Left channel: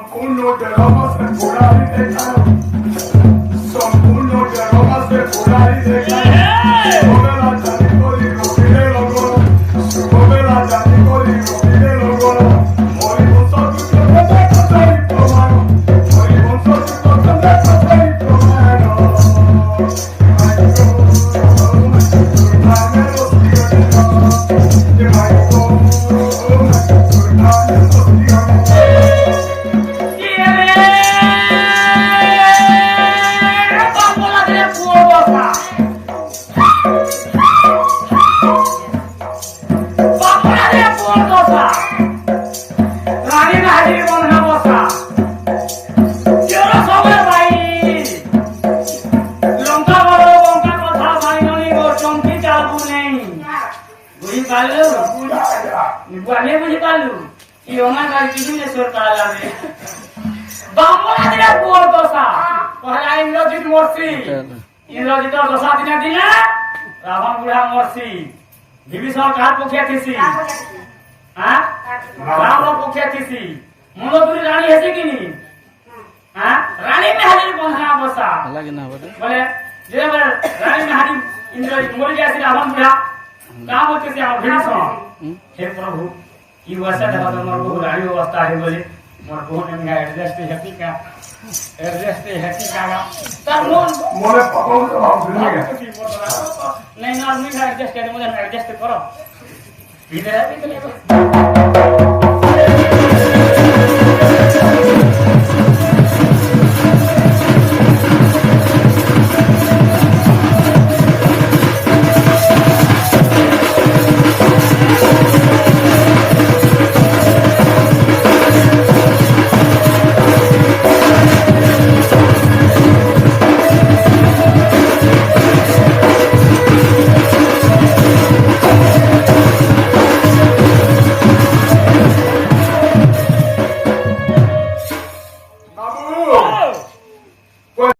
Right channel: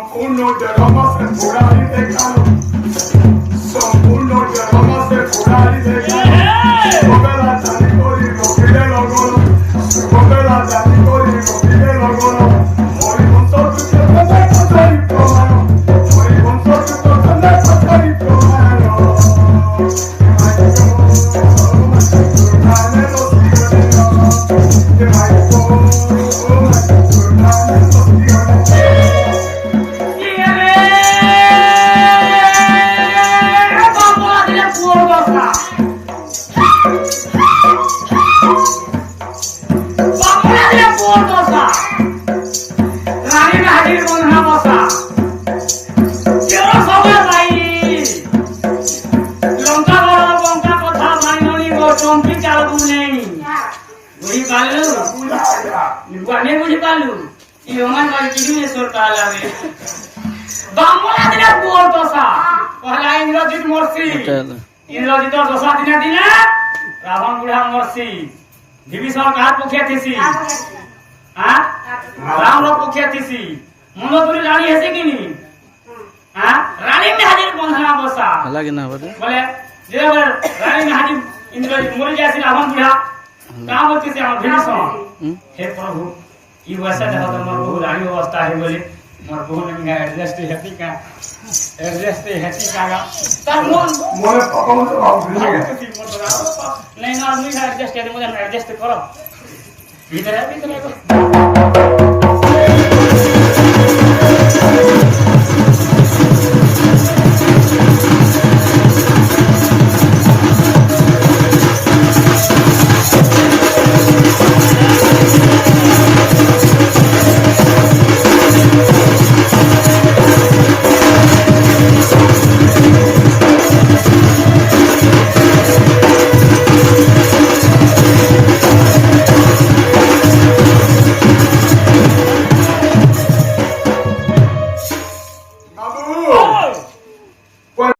সম্পূর্ণ জড়মাসে ঘোড়ারি দেখানো সম্পূর্ণ জড়মাসে ঘোড়ারি দেখানো শুভবেলা জানি করি রবিরে লগন শুভবেলা জানি করি রবিরে লগন হরিবংশ কৃষ্ণকে কথাই প্রমাণ হরিবংশ কৃষ্ণকে কথাই প্রমাণ इंद्रजित दशा दिन दिन रावण बुढ़ा मरसी विभीषण कहा पोखिया थीसी राम रो पोखिया थीसी मंदोदरी रानी हेसी कि नी रानी में हाजिर बंधना बसा लगे ना बोले जे रानी में हाजिर इंद्रजित मर जासी रावण बुढ़ा का बोलते से हम विभीषण हे प्रभु ई वैसा देखो तो मोर बहु रानी अवस्था है बोले मोर बहु ने एडजस्ट हैप्पी का तार मोन मोरे पकड़ के भाव दिए नहीं ना मुझे एडजस्ट कर दे मुझे एडजस्ट करो भीतर है